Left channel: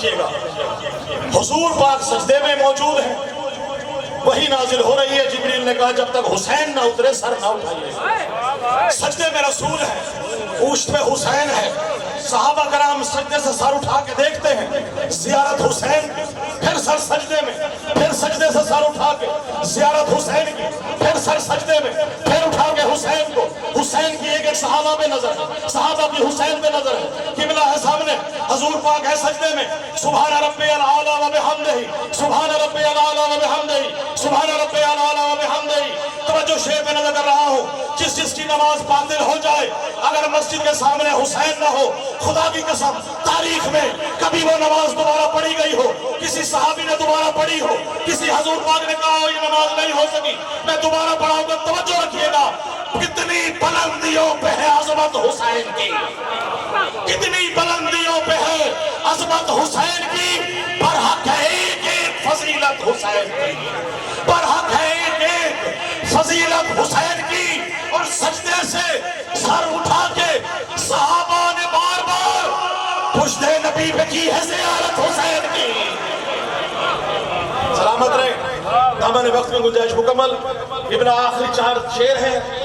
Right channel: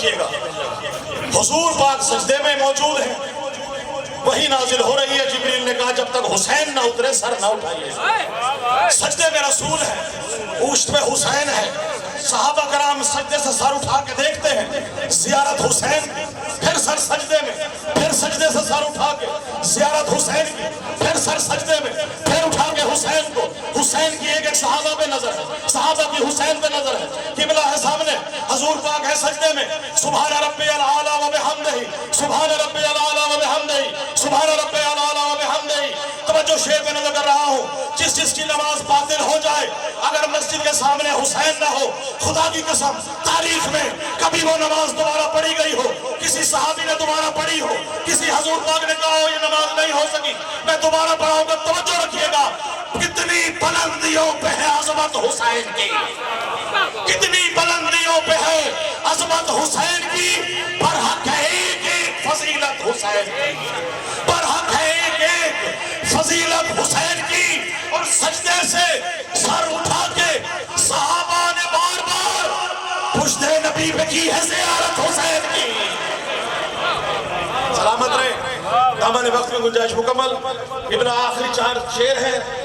رکھیے گا، حضور پاک سجدے میں موجود ہیں، وہی نازل ہو رہی ہے، جبریل نے کہا جب تک حسین نہ اترے سر نہ اٹھائیے۔ سجدے میں رسول ہے، اوشت پہ حسین ہے، صحابہ کرام سجدے سے سر اٹھا کے دیکھتے ہیں، زیارت حسین کی، پھر سر سجدے میں، پھر سجدے سے سر اٹھا کے زیارت حسین کی، پھر سر سجدے میں، پھر اٹھا کے حسین کو، حسین کی ایک ایک صحابہ پہ نظر ہے، صحابہ کی حسین پہ نظر ہے، قبلہ ہے سامنے، حضور پاک ہے سجدے میں، سبحان ربی العالی و بحمدہ، سبحان ربی العالی و بحمدہ، سبحان ربی العالی و بحمدہ۔ توجہ شیئر میں نظر کر رہا ہوں، جس کی نماز باطل ہو جائے، اگر مسجد کے سامنے حسین نہ ہو، خدا کی قسم تاریخ میں کبھی وہ نماز دوبارہ پڑھی گئی ہو، کسی صحابی نے دوبارہ پڑھی ہو، کسی حضور پاک نے کہا ہو یہ نماز نہیں ہو سکی میں دوبارہ پڑھاؤں گا، توجہ رکھیے گا، کتنی بلندیوں پہ ہے عظمت حسین کی، کتنی بلندیوں پہ ہے عظمت حسین کی، پر حق ہے ایک ایک فضیلت حسین کی، پر حق ہے ایک ایک فضیلت حسین کی۔ اور سجدے سے سر اٹھا کے صحابہ نے بار بار پشت نبی پہ کی ہے زیارت حسین کی۔ سلامت رہے، دامن وقت میں گنجائش مکمل، ابن آخری 4 شعر ہیں۔